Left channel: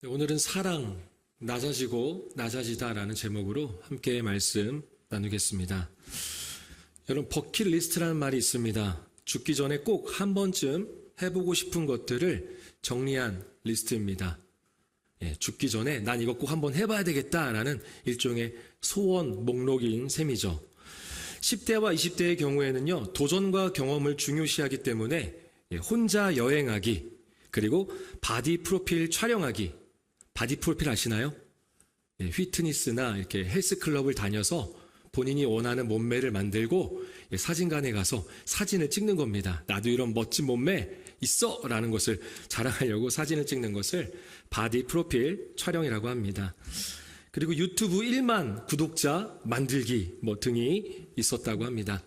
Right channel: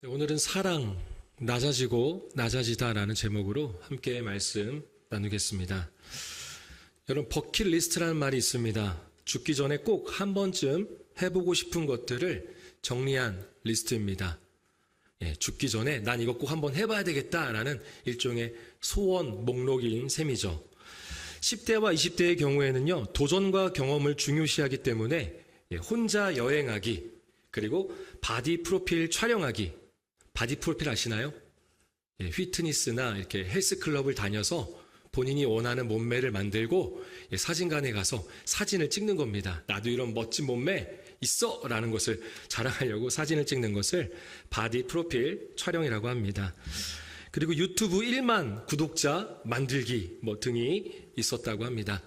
네, 오늘은 사랑, 낮아지고 낮아지다라는 제목으로 함께 말씀 나누겠습니다. 여러분, 버킷리스트라는 말이 있습니다. 죽기 전에 꼭 한 번쯤 해보고 싶은 것들을 정리한 리스트입니다. 죽기 전에 난 이거 꼭 한번 해봐야 되겠다라는 일종의 소원 목록인 셈이죠. 10대와 20대의 경우에는요, 도전과 경험을 중요시하기 때문에 혼자 여행하기, 그리고 바디 프로필 촬영하기. 바디 프로필 아시나요? 휘트니스나 이렇게 헬스클럽을 다녀서 본인이 원하는 몸매를 만들고 사진관에 가서 사진을 찍는 겁니다. 나도 이런 멋진 몸매 있어! 라는 것을 자랑하려고 사진을 찍는 것을 바디 프로필 촬영이라고 합니다. 그리고 유튜브 1만 구독자 만들기 등이 있었다고 합니다.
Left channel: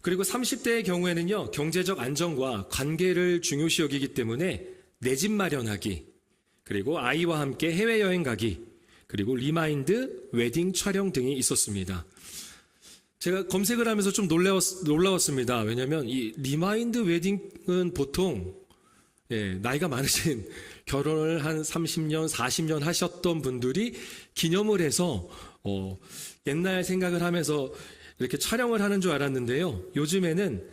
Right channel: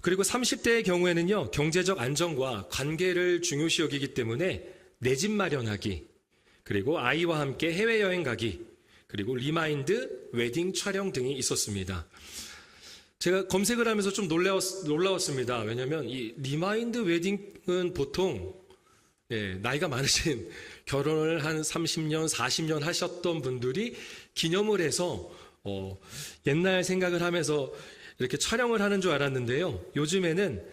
그리고 30대의 경우에는요, 경제적 안정과 관계를 중요시 여기기 때문에 내 집 마련하기, 그리고 아이와 함께 해외여행 가기, 그리고 리마인드 웨딩 촬영 등이 있었습니다. 제가 검색을 하면서 좀 놀라웠습니다. 왜냐하면 이 리마인드 웨딩은 보통 나이가 많으신 결혼을 한 30년, 40년 하셨던 분들이 기념을 해서 옛날 생각을 하면서 이렇게 촬영을 하는 줄 알았는데요. 요즘에는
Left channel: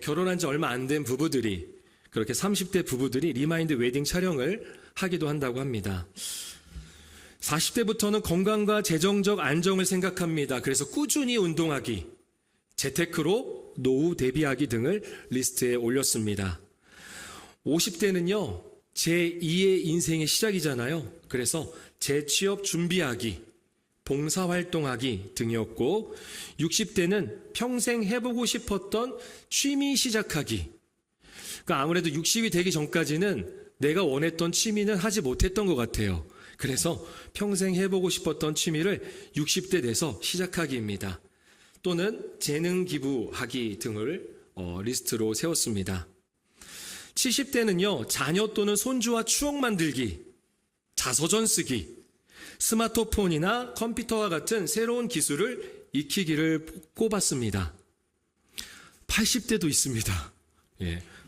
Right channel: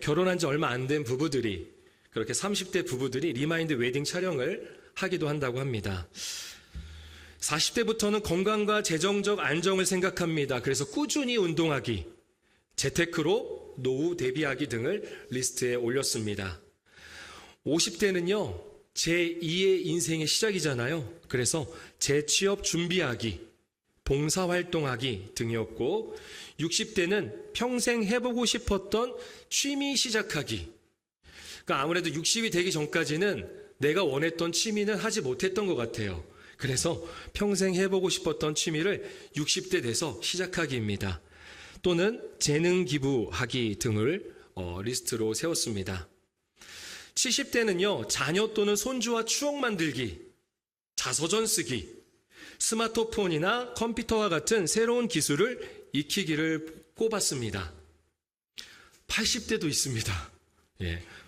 결혼한 지 얼마 안 된 부부들이, 그렇게 30대 부부들이 리마인드 웨딩 촬영을 하기도 한다고 합니다. 40대부터는 건강과 재정적 안정을 생각합니다. 그래서 꾸준히 운동하기, 재테크로 노후 대비하기 등을 리스트에 올렸습니다. 50대는요, 제2의 인생의 시작이잖아요. 그래서 재취업 준비하기, 봉사활동하기 등이었고, 60대는 평생 해보고 싶었던 취미 시작하기. 그러니까 아무래도 60이 되기 전까지는 내가 원했던 취미는 하지 못했던 것 같아요. 그래서 평생 해보고 싶었던 취미를 60대 돼서 시작하기입니다. 또는 재능 기부하기 등을 리스트로 세웠습니다. 70대는요, 자녀 또는 손주와 추억 만들기, 자서전 쓰기, 스마트폰이나 컴퓨터와 같은 새로운 기술을 익히기를 꼽았습니다. 80대도 있습니다.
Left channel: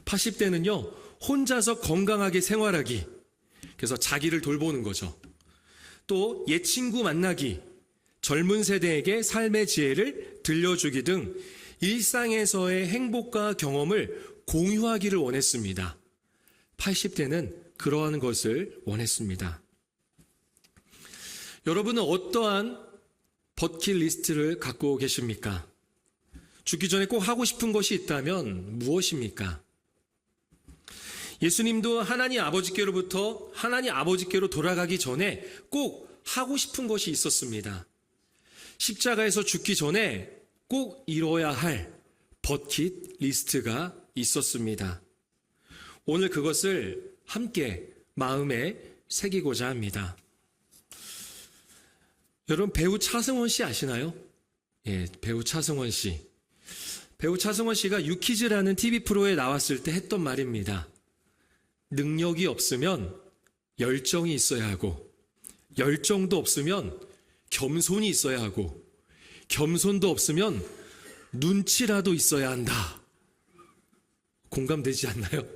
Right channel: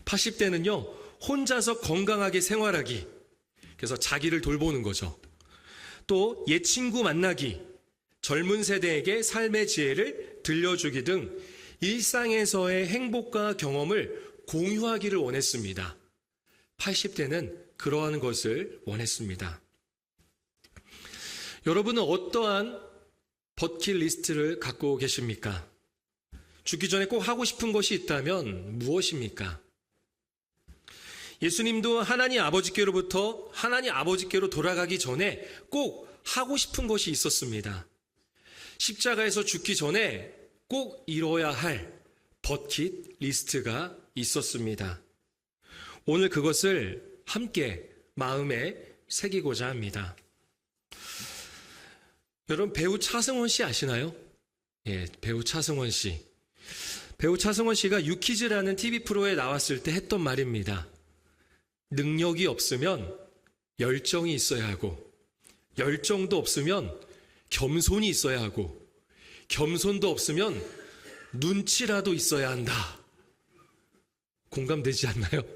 80대는요, 혼자서 건강하게 생활하기, 그래서 자기를 돌보는 거죠. 또 옛 친구 만나기, 젊은 세대에게 삶의 지혜를 들려주기 등 일상에서의 행복과 경험을 공유하기를 원했습니다. 80대는 그러한 것을 원했습니다. 여러분은 어떠한 버킷리스트를 갖고 계십니까? 죽기 전에 꼭 하고 싶은 것이 있다면 무엇입니까? 예수님도 하나님 아버지께로부터 하나님 아버지께로 돌아가기 전에 꼭 하고 싶은 것이 있었습니다. 십자가에서 죽기 전에 꼭 이뤄야 할 버킷리스트가 있었습니다. 오늘 그것을 함께 마음에 새기고자 합니다. 여러분, 배우 차승원 씨 아시나요? 배우 차승원 씨. 배우 차승원 씨가 유퀴즈라는 TV 프로에 나왔을 때 했던 말입니다. 능력이 없으면 열정이 있어야 하고, 열정도 없으면 겸손이 있어야 하고, 겸손도 없으면 눈치라도 있어야 한다. 공감되지 않나요?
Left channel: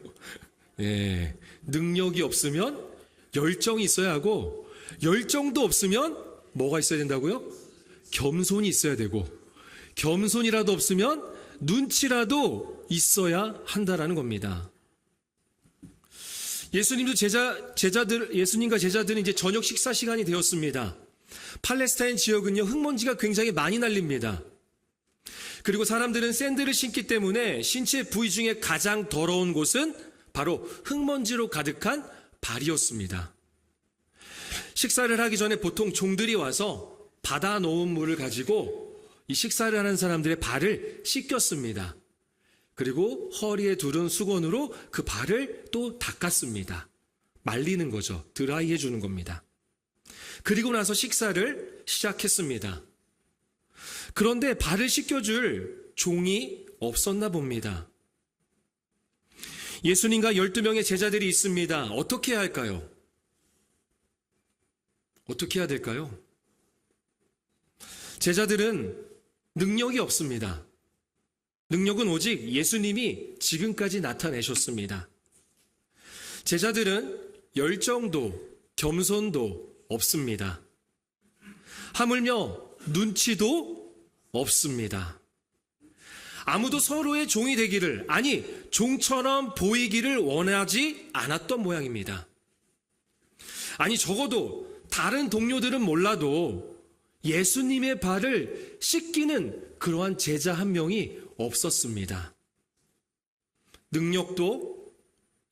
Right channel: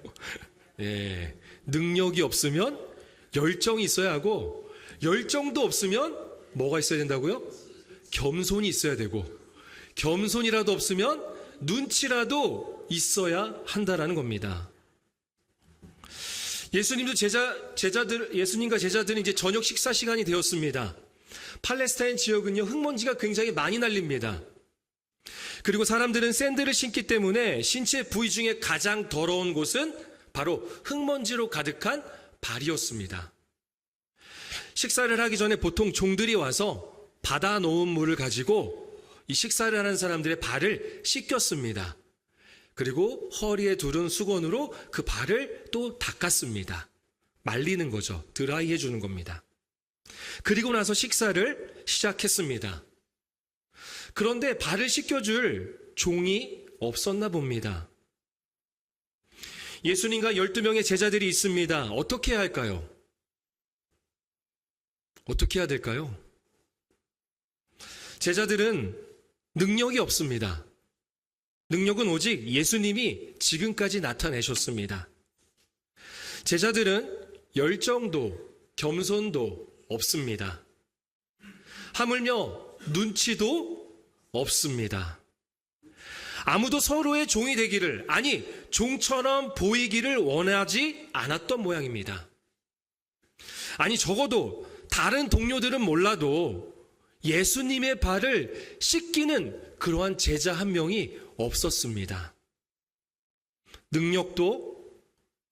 능력이 없으면 열정이 있어야 하고, 열정도 없으면 뭐가 있어야 된다고요? 겸손이 있어야 되고, 겸손이라도 없으면 눈치라도 있어야 한다라는 겁니다. 예수님과 제자들은 이제 저녁 식사 시간이 되었습니다. 팔레스타인 지역은요, 흙먼지가 굉장히 많이 날립니다. 그리고 사람들은 샌들을 신기 때문에 신체 부위 중에 가장 더러운 곳은 바로 흙먼지로 가득한 발이었습니다. 식사를 하기 전에 보통 종들이 와서 받아 놓은 물을 가지고 이 식사를 하는 사람들의 발을 씻겼습니다. 그리고 허리에 두른 수건으로 그 발을 또 닦았습니다. 말리는 거죠. 드라이 해주는 겁니다. 그리고 나서 식사를 시작했습니다. 그런데 발을 씻겨줄 종이 없었나 봅니다. 예수님과 12명의 제자들이 있습니다. 어떻게 해야 할까요? 어떻게 해야 될까요? 제자들은 능력이 없습니다. 능력은 오직 예수님이 지금까지 나타내셨습니다. 제자들은 열정도 겸손도 없습니다. 하물며 눈치도 없습니다. 아무도 서로의 종이 되기를, 아니 종처럼 보이기를 원하지 않았던 모양입니다. 아니 적어도 다른 동료들은 몰라도 예수님의 발을 씻기는 그러한 제자 한 명이 없었습니다. 능력도,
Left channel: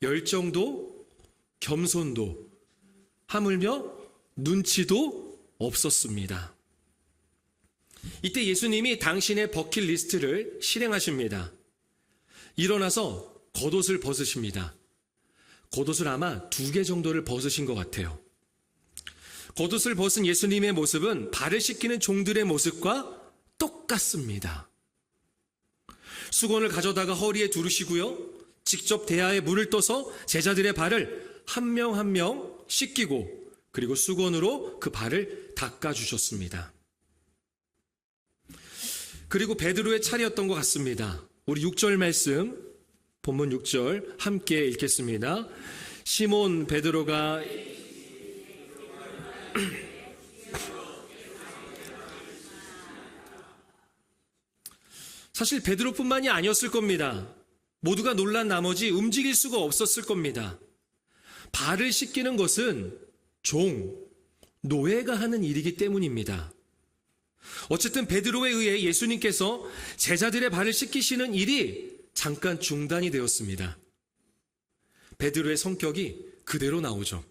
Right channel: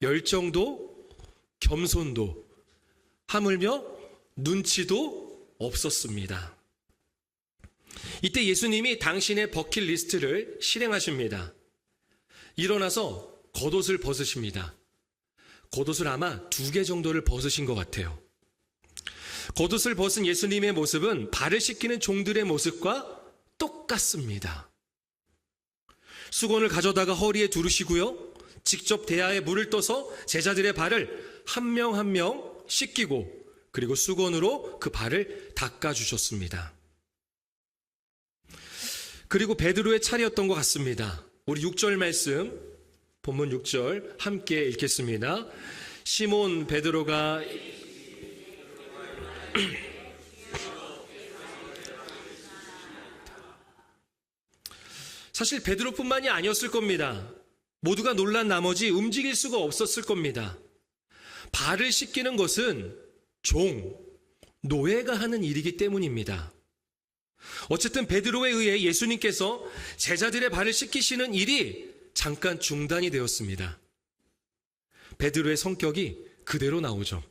열정도, 겸손도, 하물며 눈치도 없었습니다. 이때 예수님이 당신의 버킷리스트를 실행하십니다. 일어나서 겉옷을 벗으십니다. 겉옷을 아마 2개 정도를 벗으신 것 같아요. 겉옷을 벗은 예수님의 모습은 발을 씻기는 종들의 모습과 똑같습니다. 수건을 가져다가 허리에 두르시고요. 직접 대야에 물을 떠서 제자들의 발을 한 명 한 명 씻기고 그리고 수건으로 그 발을 닦아주셨습니다. 그리고 베드로의 차례였던 것 같습니다. 우리 6절 말씀, 본문 6절 함께 읽겠습니다. 시몬 베드로가 사실 베드로뿐만이 아니었을 겁니다. 모두가 놀란 나머지 움직일 수가 없었을 겁니다. 발을 씻기는 것은 노예가 하는 일이기 때문입니다. 어쨌든 베드로에 의해 예수님께서 제자들의 발을 씻기시는 일이 잠깐 중단이 되었습니다. 베드로의 성격이 그대로 나오죠.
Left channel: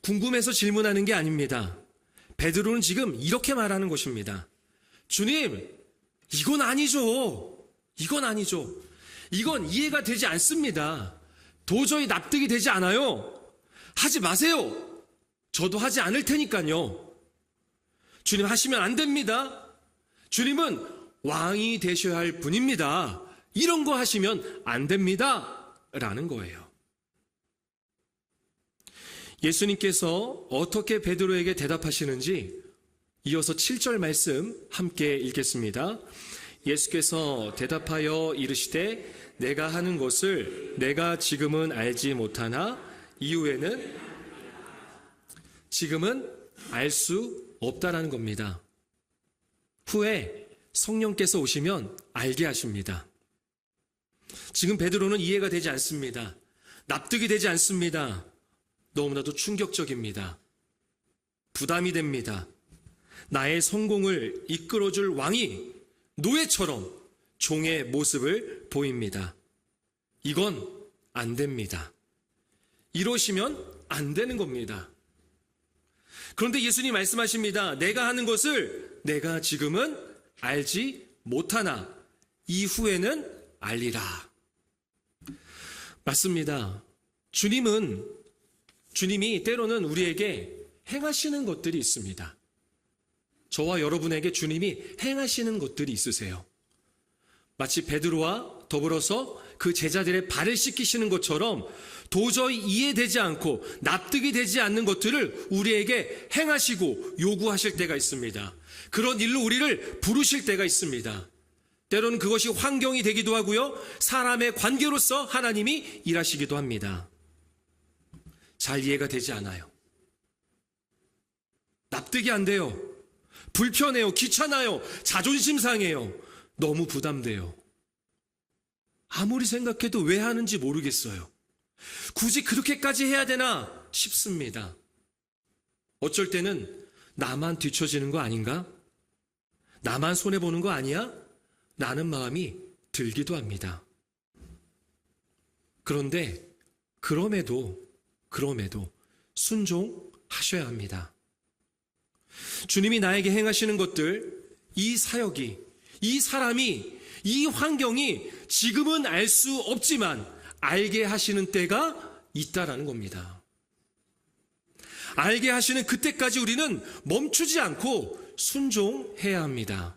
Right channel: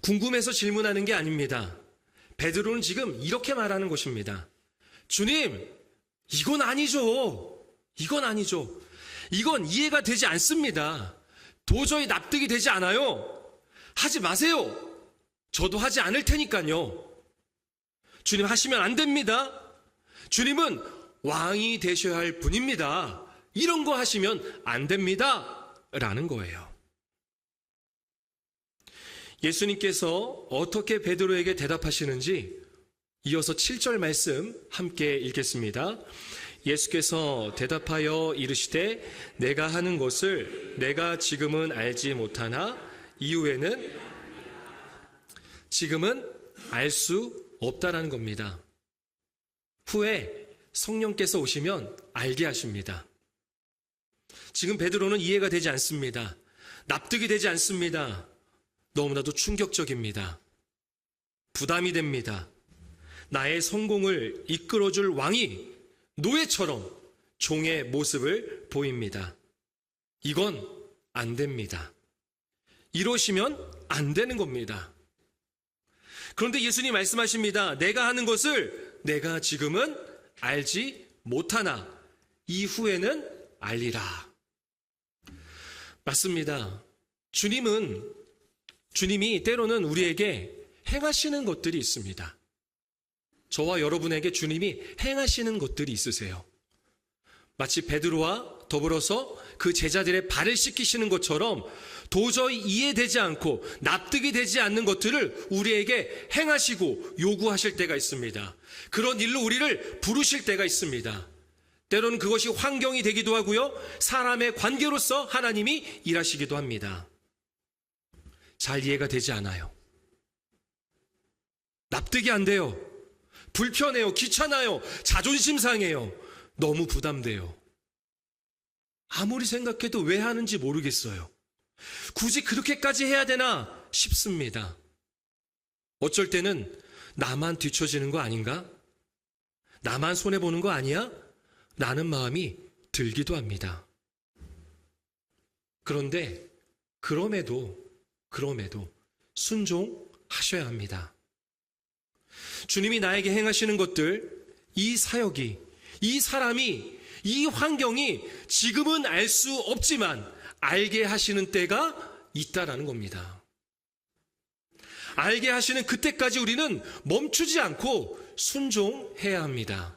궁금해서 질문하는 게 아닙니다. 베드로는 지금 이렇게 말하는 것입니다. 주님, 이건 아니죠. 이건 아니죠. 이건 이해가 되지 않습니다. 도저히 납득이 되지 않아요. 하지 마세요. 저도 하지 않을 테니까요. 주님 하시면 안 됩니다. 주님은 왕이 되셔야 할 분입니다. 이런 거 하시면 안 됩니다. 라는 거예요. 예수님께서 어떻게 베드로에게 대답하시는지 이어서 7절 말씀 함께 읽겠습니다. 예수께서 대답하여 이르시되 내가 하는 것을 내가 지금은 알지 못하나 이후에는 지금은 알 수 없다라는 겁니다. 후에 성령께서 오시면 알게 하십니다. 지금 베드로는 이해가 되지 않습니다. 납득이 되지 않습니다. 너무나도 충격적입니다. 부담이 됩니다. 나의 성공을 이끌어줄 왕이 노예처럼 종의 모습을 보입니다. 이건 안 됩니다. 이러시면 안 되는 겁니다. 그런데 예수님 말씀하십니다. 내가 하는 것을 내가 지금은 알지 못하나 이후에는 알리라. 맞습니다. 주님이 때로는 우리에게 행하시는 것들이 있습니다. 저와 여러분에게 주님이 행하시는 것들이 있으세요. 마치 베드로와 더불어서 그 제자들의 발을 씻기시는 것처럼 도저히 이해되지 않고 납득이 되지 않는 것들을 우리에게 행하시고 요구하실 때가 있습니다. 그런 일로 우리를 부르실 때가 있습니다. 때로는 그것이 환경이 되기도 하고요. 사람의 관계로서 하나님이 일하시기도 합니다. 잘 이해가 되지 않아요. 납득이 안 돼요. 불편해요. 귀찮아요. 자존심 상해요. 너무 부담돼요. 아무리 생각해도 왜 하는지 모르겠어요. 굳이 그렇게까지 해야 되나 싶습니다. 어쩔 때는 나만 뒤처지는 거 아닌가? 나만 손해보는 거 아니야? 라는 마음이 들기도 합니다. 그런데 그럼에도 순종하셔야 합니다. 주님이 나에게 행하시는 것들, 이 사역이, 이 사람이, 이 환경이 지금은 알 수 없지만 알게 하시는 때가 있다라는 겁니다. 알게 하시는 그때까지 우리는 멈추지 않고 순종해야 합니다.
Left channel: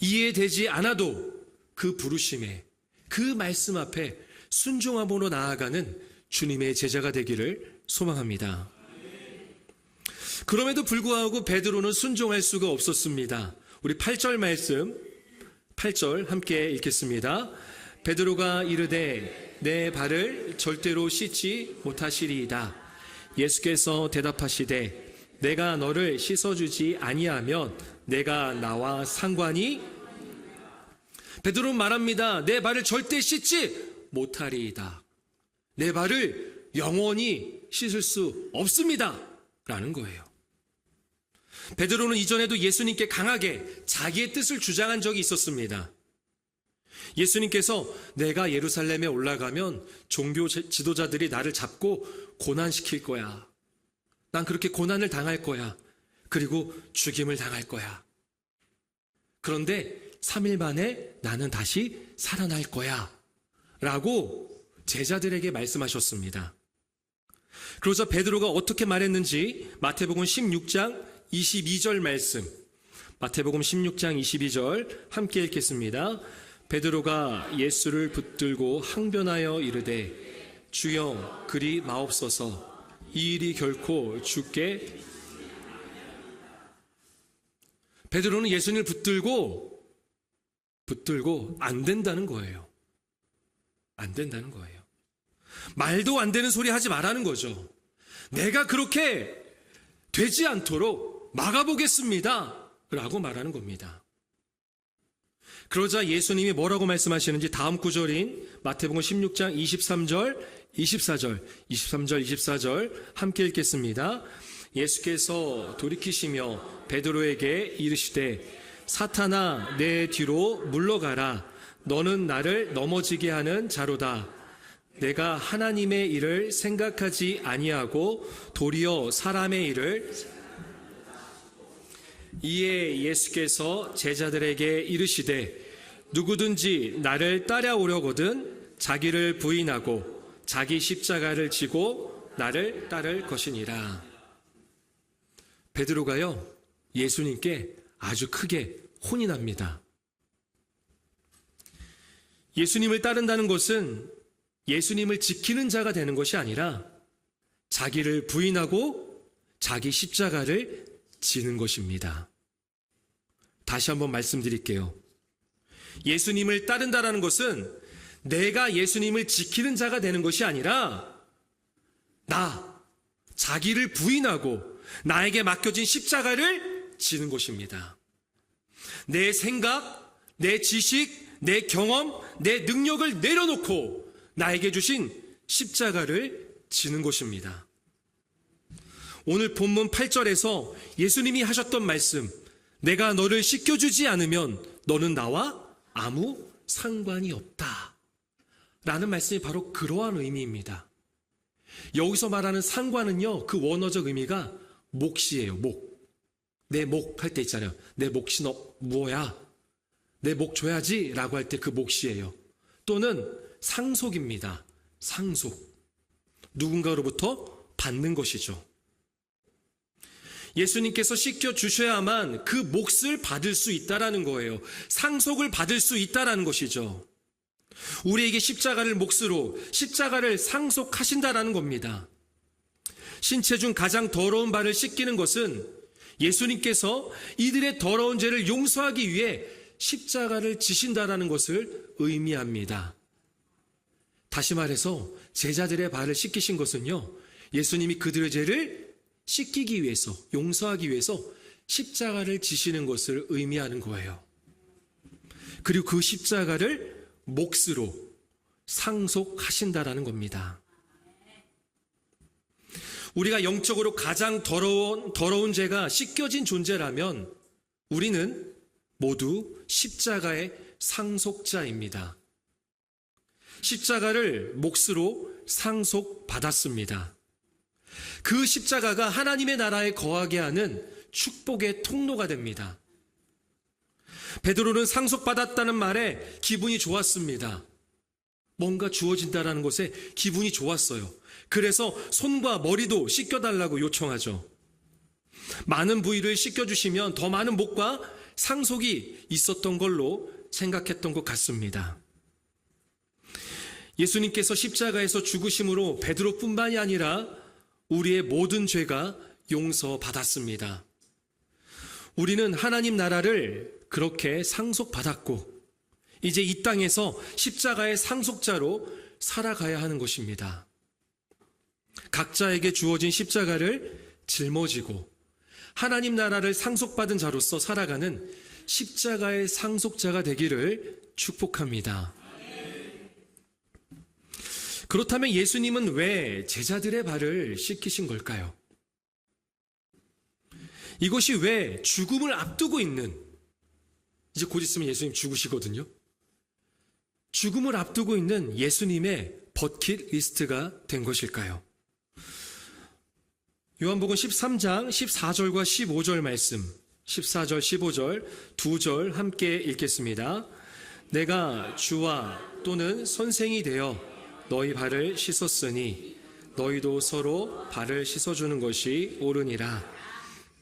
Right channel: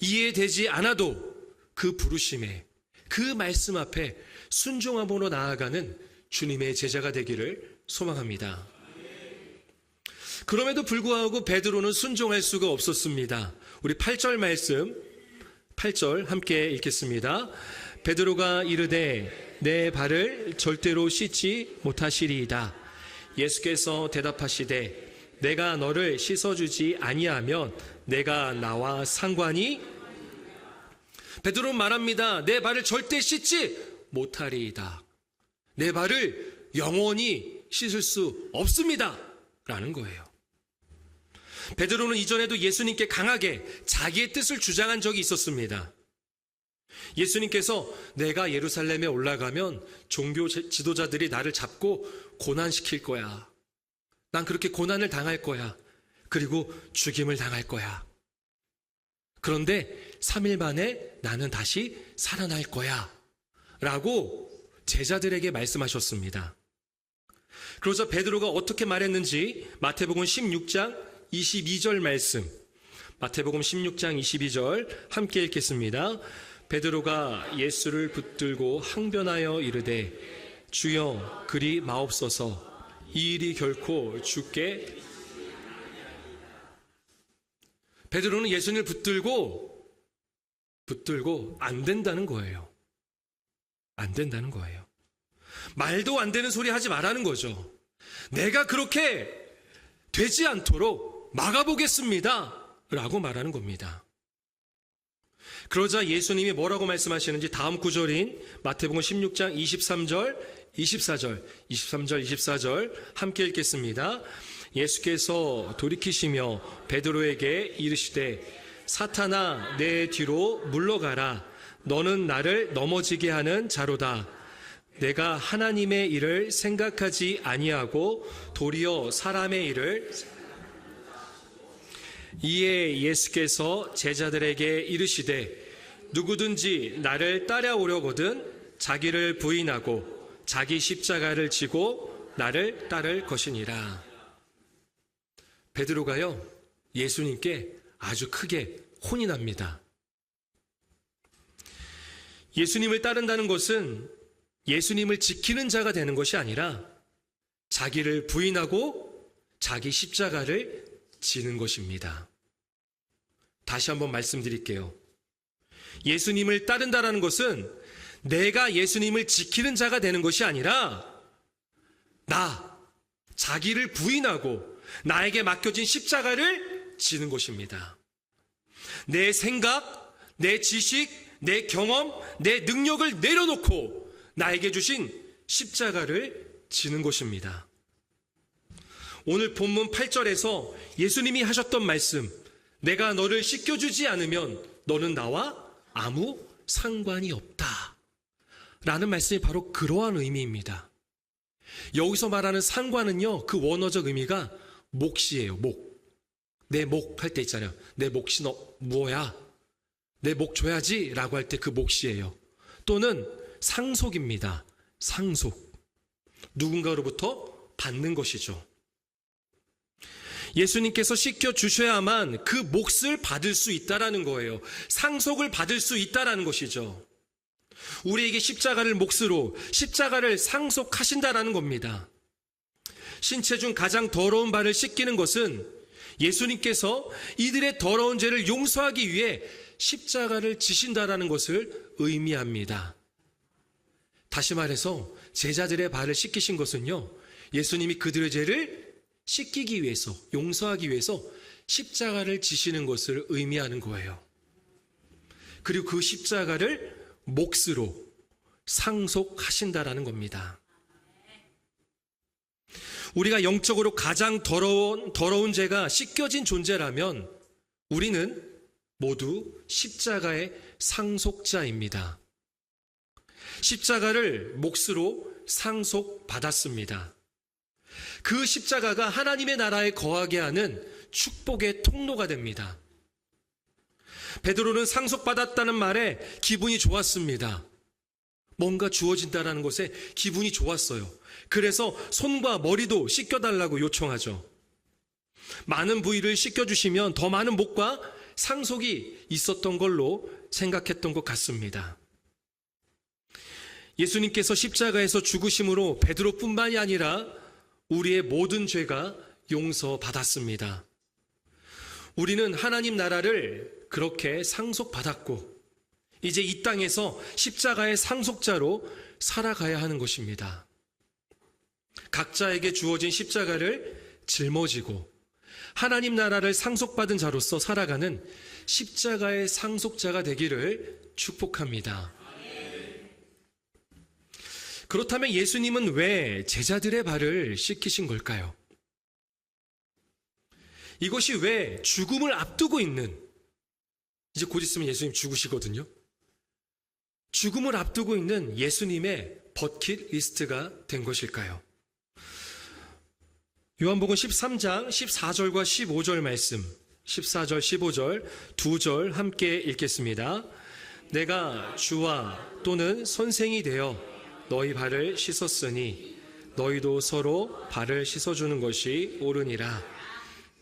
이해되지 않아도 그 부르심에, 그 말씀 앞에 순종함으로 나아가는 주님의 제자가 되기를 소망합니다. 그럼에도 불구하고 베드로는 순종할 수가 없었습니다. 우리 8절 말씀, 8절 함께 읽겠습니다. 베드로가 이르되 내 발을 절대로 씻지 못하시리이다. 예수께서 대답하시되 내가 너를 씻어주지 아니하면 내가 나와 상관이. 베드로는 말합니다. 내 발을 절대 씻지 못하리이다. 내 발을 영원히 씻을 수 없습니다 라는 거예요. 베드로는 이전에도 예수님께 강하게 자기의 뜻을 주장한 적이 있었습니다. 예수님께서 내가 예루살렘에 올라가면 종교 지도자들이 나를 잡고 고난시킬 거야. 난 그렇게 고난을 당할 거야. 그리고 죽임을 당할 거야. 그런데 3일 만에 나는 다시 살아날 거야 라고 제자들에게 말씀하셨습니다. 그러자 베드로가 어떻게 말했는지 마태복음 16장 22절 말씀, 마태복음 16장 22절 함께 읽겠습니다. 베드로가 예수를 붙들고 항변하여 이르되 주여 그리 마옵소서. 이 일이 결코 주께. 베드로는 예수님을 붙들고 안 된다는 거예요. 안 된다는 거예요. 말도 안 되는 소리 하지 말라는 거죠. 내가 그렇게 되지 않도록 막아보겠습니다 라고 말하는 겁니다. 그러자 예수님이 뭐라고 말씀하시는지 다음 구절인 마태복음 16장 23절, 24절 함께 읽겠습니다. 예수께서 돌이키시며 베드로에게 이르시되 사탄아 내 뒤로 물러가라. 너는 나를 넘어지게 하는 자로다. 내가 하나님의 일을 생각하지 아니하고 도리어 사람의 일을. 이에 예수께서 제자들에게 이르시되 누구든지 나를 따라오려거든 자기를 부인하고 자기 십자가를 지고 나를 따를 것이니라. 베드로가요 예수님께 아주 크게 혼이 납니다. 예수님을 따른다는 것은 예수님을 지키는 자가 되는 것이 아니라 자기를 부인하고 자기 십자가를 지는 것입니다. 다시 한번 말씀드릴게요. 예수님을 따른다는 것은 내가 예수님을 지키는 자가 되는 것이 아니라 자기를 부인하고 나에게 맡겨진 십자가를 지는 것입니다. 내 생각, 내 지식, 내 경험, 내 능력을 내려놓고 나에게 주신 십자가를 지는 것입니다. 오늘 본문 8절에서 예수님이 하셨던 말씀, 내가 너를 씻겨주지 않으면 너는 나와 아무 상관이 없다 라는 말씀이 바로 그러한 의미입니다. 여기서 말하는 상관은요, 그 원어적 의미가 몫이에요. 내 몫 할 때 있잖아요. 내 몫이 뭐야? 내 몫 줘야지 라고 할 때 그 몫이에요. 또는 상속입니다. 상속. 누군가로부터 받는 것이죠. 예수님께서 씻겨주셔야만 그 몫을 받을 수 있다라는 거예요. 상속을 받을 수 있다라는 것이죠. 우리에게 십자가를 몫으로 십자가를 상속하신다라는 겁니다. 신체 중 가장 더러운 발을 씻기는 것은 예수님께서 이들의 더러운 죄를 용서하기 위해 십자가를 지신다라는 것을 의미합니다. 다시 말해서 제자들의 발을 씻기신 것은요, 예수님이 그들의 죄를 씻기기 위해서, 용서하기 위해서 십자가를 지시는 것을 의미하는 거예요. 그리고 그 십자가를 몫으로 상속하신다라는 겁니다. 우리가 영적으로 가장 더러운 죄가 씻겨진 존재라면 우리는 모두 십자가의 상속자입니다. 십자가를 몫으로 상속받았습니다. 그 십자가가 하나님의 나라에 거하게 하는 축복의 통로가 됩니다. 베드로는 상속받았다는 말에 기분이 좋았습니다. 뭔가 주어진다라는 것에 기분이 좋았어요. 그래서 손과 머리도 씻겨달라고 요청하죠. 많은 부위를 씻겨주시면 더 많은 복과 상속이 있었던 걸로 생각했던 것 같습니다. 예수님께서 십자가에서 죽으심으로 베드로뿐만이 아니라 우리의 모든 죄가 용서받았습니다. 우리는 하나님 나라를 그렇게 상속받았고 이제 이 땅에서 십자가의 상속자로 살아가야 하는 것입니다. 각자에게 주어진 십자가를 짊어지고 하나님 나라를 상속받은 자로서 살아가는 십자가의 상속자가 되기를 축복합니다. 그렇다면 예수님은 왜 제자들의 발을 씻기신 걸까요? 이것이 왜 죽음을 앞두고 있는, 이제 곧 있으면 예수님 죽으시거든요. 죽음을 앞두고 있는 예수님의 버킷리스트가 된 것일까요? 요한복음 13장 14절과 15절 말씀, 14절 15절 두 절 함께 읽겠습니다. 내가 주와 또는 선생이 되어 너희 발을 씻었으니 너희도 서로 발을 씻어주는 것이 옳으니라.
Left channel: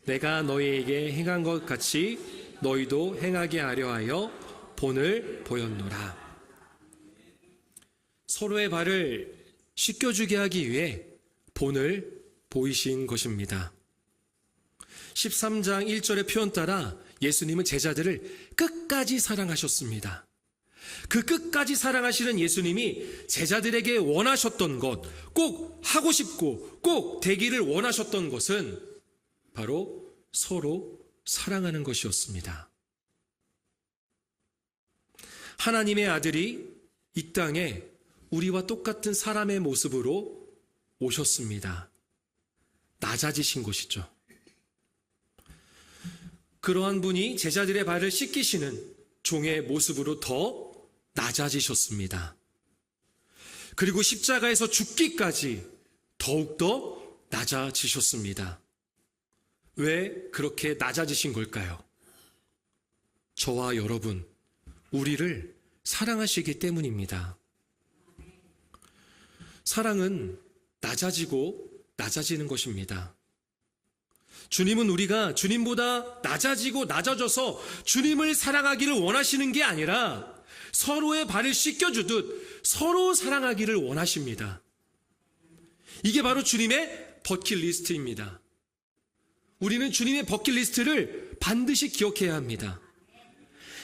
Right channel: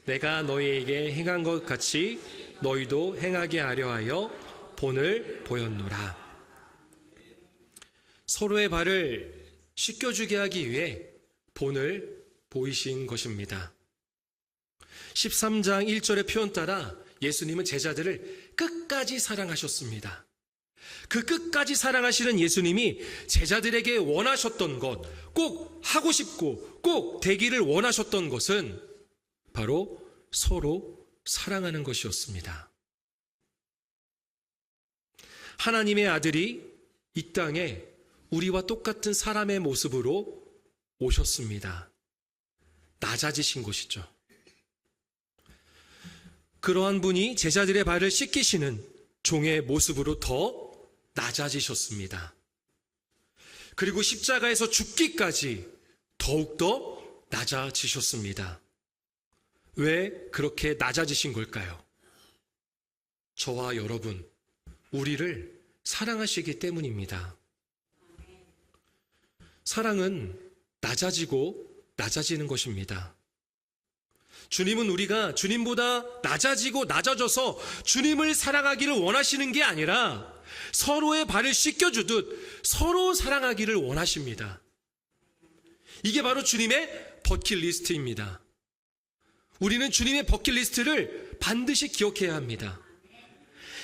내가 너희에게 행한 것 같이 너희도 행하게 하려 하여 본을 보였노라. 서로의 발을 씻겨주게 하기 위해 본을 보이신 것입니다. 13장 1절의 표현 따라 예수님은 제자들을 끝까지 사랑하셨습니다. 그 끝까지 사랑하시는 예수님이 제자들에게 원하셨던 것, 꼭 하고 싶고 꼭 되기를 원하셨던 것은 바로 서로 사랑하는 것이었습니다. 하나님의 아들이 이 땅에 우리와 똑같은 사람의 모습으로 오셨습니다. 낮아지신 것이죠. 그러한 분이 제자들의 발을 씻기시는 종의 모습으로 더 낮아지셨습니다. 그리고 십자가에서 죽기까지 더욱더 낮아지셨습니다. 왜 그렇게 낮아지신 걸까요? 저와 여러분, 우리를 사랑하시기 때문입니다. 사랑은 낮아지고 낮아지는 것입니다. 주님은 우리가 주님보다 낮아지고 낮아져서 주님을 사랑하기를 원하시는 게 아니라 서로의 발을 씻겨주듯 서로 사랑하기를 원하십니다. 이게 바로 주님의 버킷리스트입니다. 우리는 주님의 버킷리스트를 반드시 기억해야 합니다.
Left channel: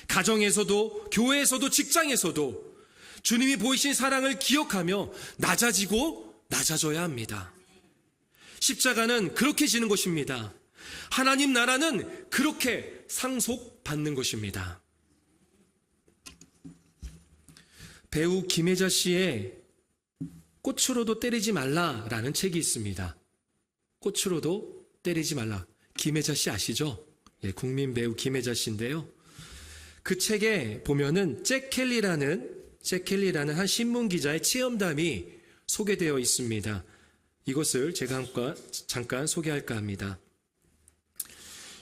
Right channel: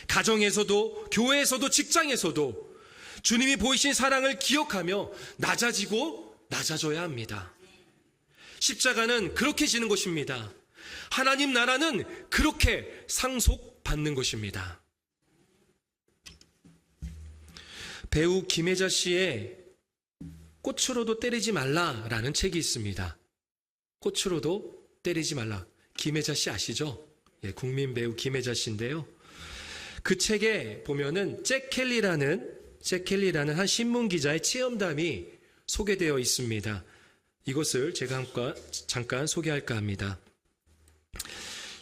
가정에서도 교회에서도 직장에서도 주님이 보이신 사랑을 기억하며 낮아지고 낮아져야 합니다. 십자가는 그렇게 지는 것입니다. 하나님 나라는 그렇게 상속받는 것입니다. 배우 김혜자 씨의 꽃으로도 때리지 말라라는 책이 있습니다. 꽃으로도 때리지 말라. 김혜자 씨 아시죠? 예, 국민 배우 김혜자 씨인데요. 그 책에 보면은 잭 켈리라는 한 신문 기자의 체험담이 소개되어 있습니다. 이것을 제가 잠깐 소개할까 합니다.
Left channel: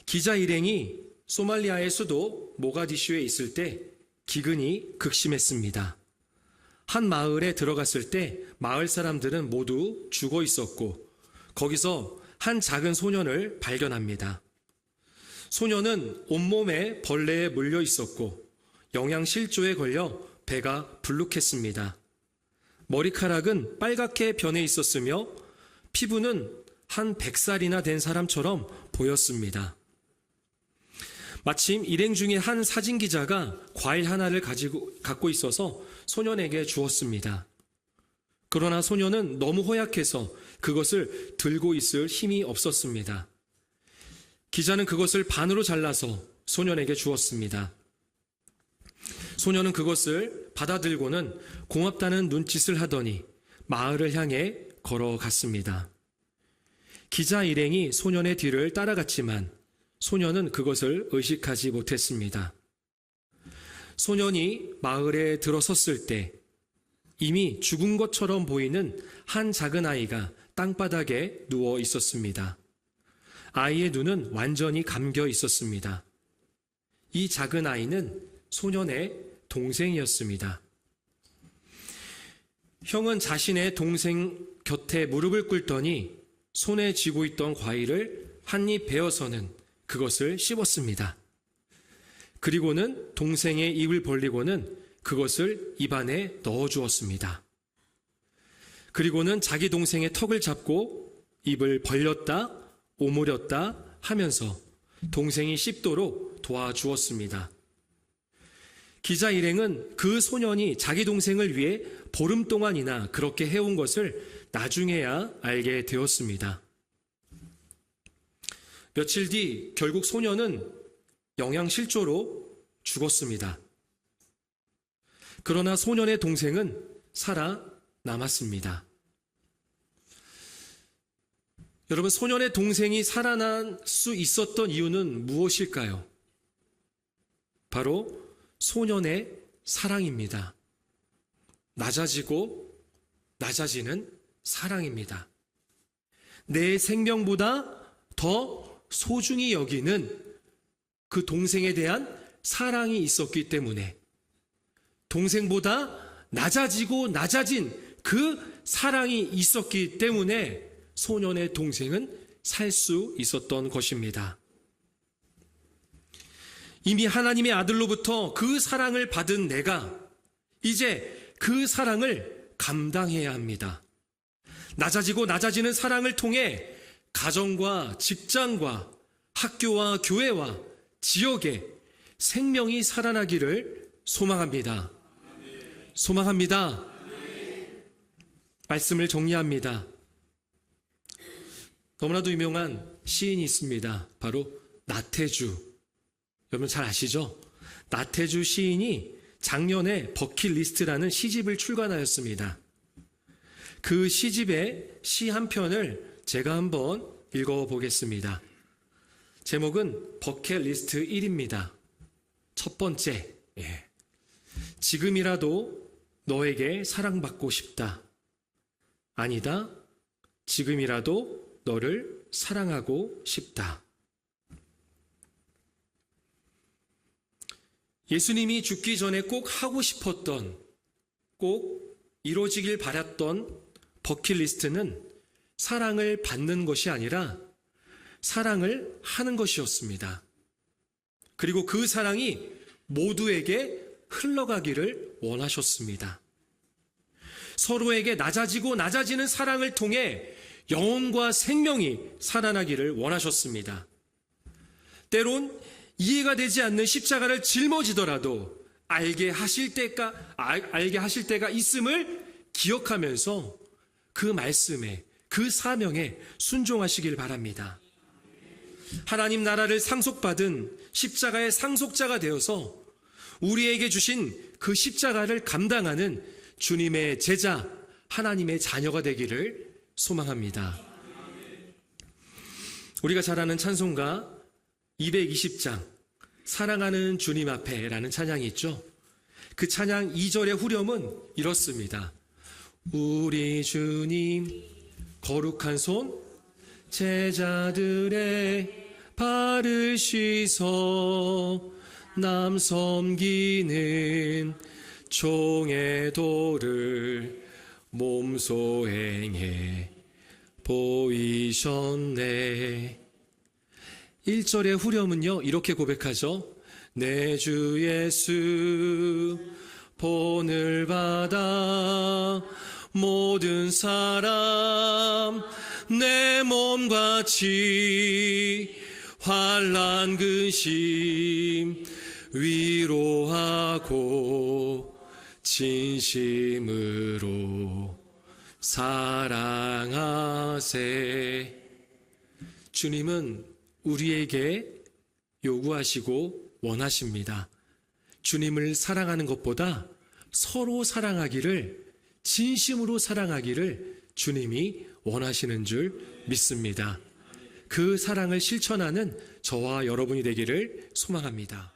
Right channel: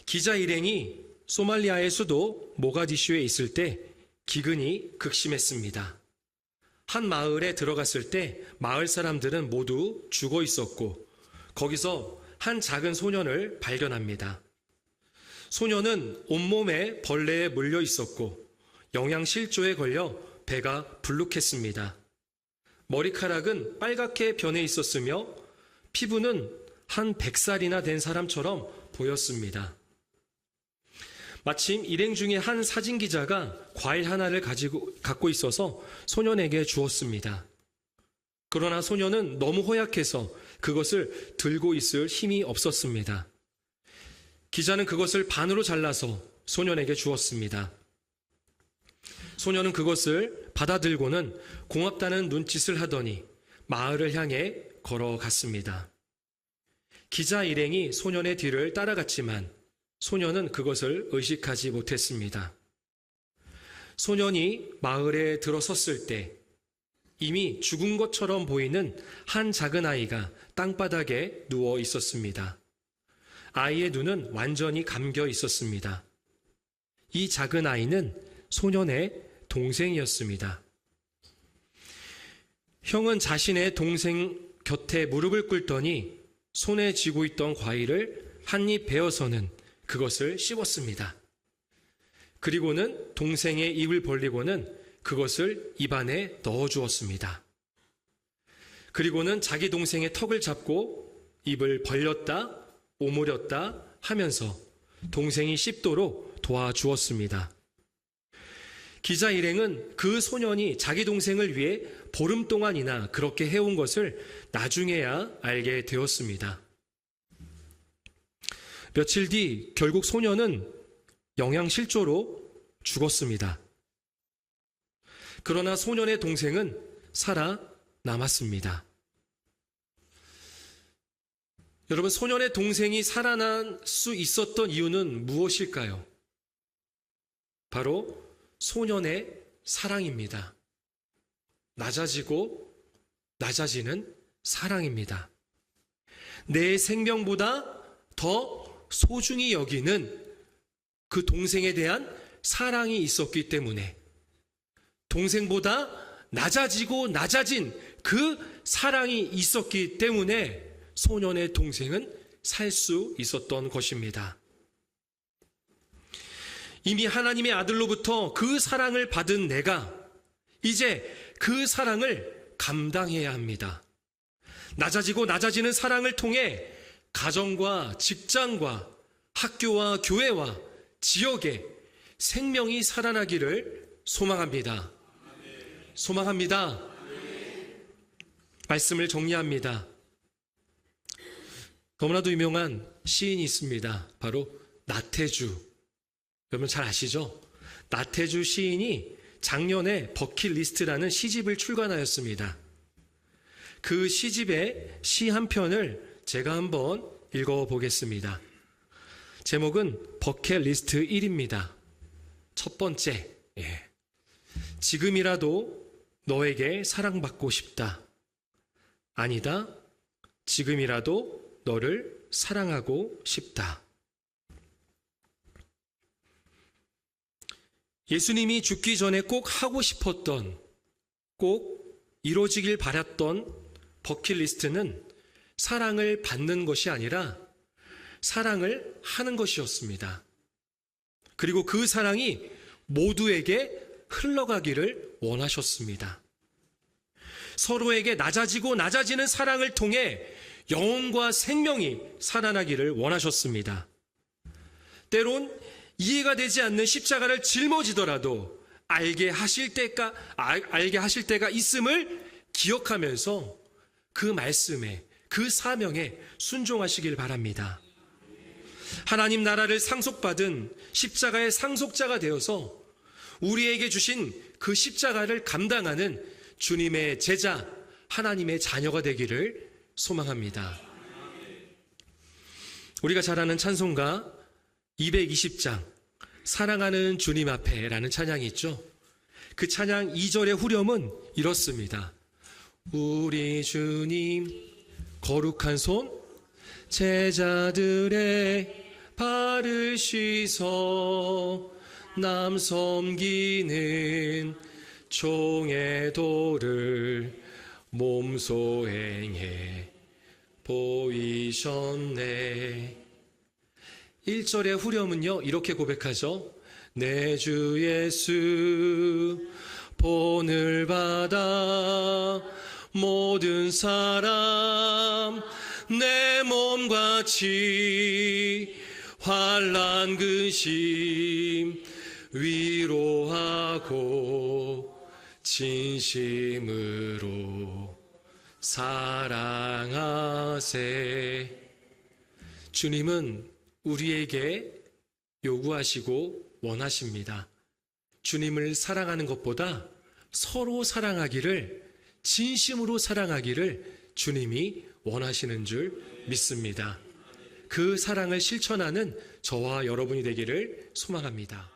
기자 일행이 소말리아의 수도 모가디슈에 있을 때 기근이 극심했습니다. 한 마을에 들어갔을 때 마을 사람들은 모두 죽어 있었고 거기서 한 작은 소년을 발견합니다. 소년은 온몸에 벌레에 물려 있었고 영양실조에 걸려 배가 불룩했습니다. 머리카락은 빨갛게 변해 있었으며 피부는 한 100살이나 된 사람처럼 보였습니다. 마침 일행 중에 한 사진기자가 과일 하나를 갖고 있어서 소년에게 주었습니다. 그러나 소년은 너무 허약해서 그것을 들고 있을 힘이 없었습니다. 기자는 그것을 반으로 잘라서 소년에게 주었습니다. 소년은 그것을 받아들고는 고맙다는 눈짓을 하더니 마을을 향해 걸어갔습니다. 기자 일행이 소년의 뒤를 따라갔지만 소년은 그것을 의식하지 못했습니다. 소년이 마을에 들어섰을 때 이미 죽은 것처럼 보이는 한 작은 아이가 땅바닥에 누워 있었습니다. 아이의 눈은 완전히 감겨 있었습니다. 이 작은 아이는 소년의 동생이었습니다. 형은 자신의 동생 곁에 무릎을 꿇더니 손에 쥐고 있던 과일을 한 입 베어서는 그것을 씹었습니다. 그리고는 동생의 입을 벌리고는 그것을 입안에 넣어주었습니다. 그리고는 자기 동생의 턱을 잡고 입을 벌렸다 오므렸다 하면서 동생이 씹도록 도와주었습니다. 기자 일행은 그 소년이 자기 동생을 위해 보름 동안이나 그렇게 해온 것을 나중에야 알게 되었습니다. 며칠 뒤 결국 소녀는 영양실조로 죽었습니다. 그러나 소년의 동생은 살아남았습니다. 여러분, 소년의 동생이 살아날 수 있었던 이유는 무엇일까요? 바로 소년의 사랑입니다. 낮아지고 낮아지는 사랑입니다. 내 생명보다 더 소중히 여기는 그 동생에 대한 사랑이 있었기 때문에 동생보다 낮아지고 낮아진 그 사랑이 있었기 때문에 소년의 동생은 살 수 있었던 것입니다. 이미 하나님의 아들로부터 그 사랑을 받은 내가 이제 그 사랑을 감당해야 합니다. 낮아지고 낮아지는 사랑을 통해 가정과 직장과 학교와 교회와 지역에 생명이 살아나기를 소망합니다. 소망합니다. 말씀을 정리합니다. 너무나도 유명한 시인이 있습니다. 바로 나태주. 여러분 잘 아시죠? 나태주 시인이 작년에 버킷리스트라는 시집을 출간하였습니다. 그 시집의 시 한 편을 제가 한번 읽어보겠습니다. 제목은 버킷리스트 1입니다. 첫 번째, 지금이라도 너에게 사랑받고 싶다. 아니다, 지금이라도 너를 사랑하고 싶다. 예수님이 죽기 전에 꼭 하고 싶었던, 꼭 이루어지길 바랐던 버킷리스트는 사랑을 받는 것이 아니라 사랑을 하는 것이었습니다. 그리고 그 사랑이 모두에게 흘러가기를 원하셨습니다. 서로에게 낮아지고 낮아지는 사랑을 통해 영혼과 생명이 살아나기를 원하셨습니다. 때론 이해가 되지 않는 십자가를 짊어지더라도 알게 하실 때가 있음을 기억하면서 그 말씀에, 그 사명에 순종하시길 바랍니다. 하나님 나라를 상속받은 십자가의 상속자가 되어서 우리에게 주신 그 십자가를 감당하는 주님의 제자, 하나님의 자녀가 되기를 소망합니다. 우리가 잘 아는 찬송가 220장 사랑하는 주님 앞에 라는 찬양이 있죠. 그 찬양 2절의 후렴은 이렇습니다. 우리 주님 거룩한 손 제자들의 발을 씻어 남 섬기는 종의 도를 몸소 행해 보이셨네. 1절의 후렴은요 이렇게 고백하죠. 내 주 예수 본을 받아 모든 사람 내 몸같이 환난 근심 위로하고 진심으로 사랑하세. 주님은 우리에게 요구하시고 원하십니다. 주님을 사랑하는 것보다 서로 사랑하기를, 진심으로 사랑하기를 주님이 원하시는 줄 믿습니다. 그 사랑을 실천하는 저와 여러분이 되기를 소망합니다.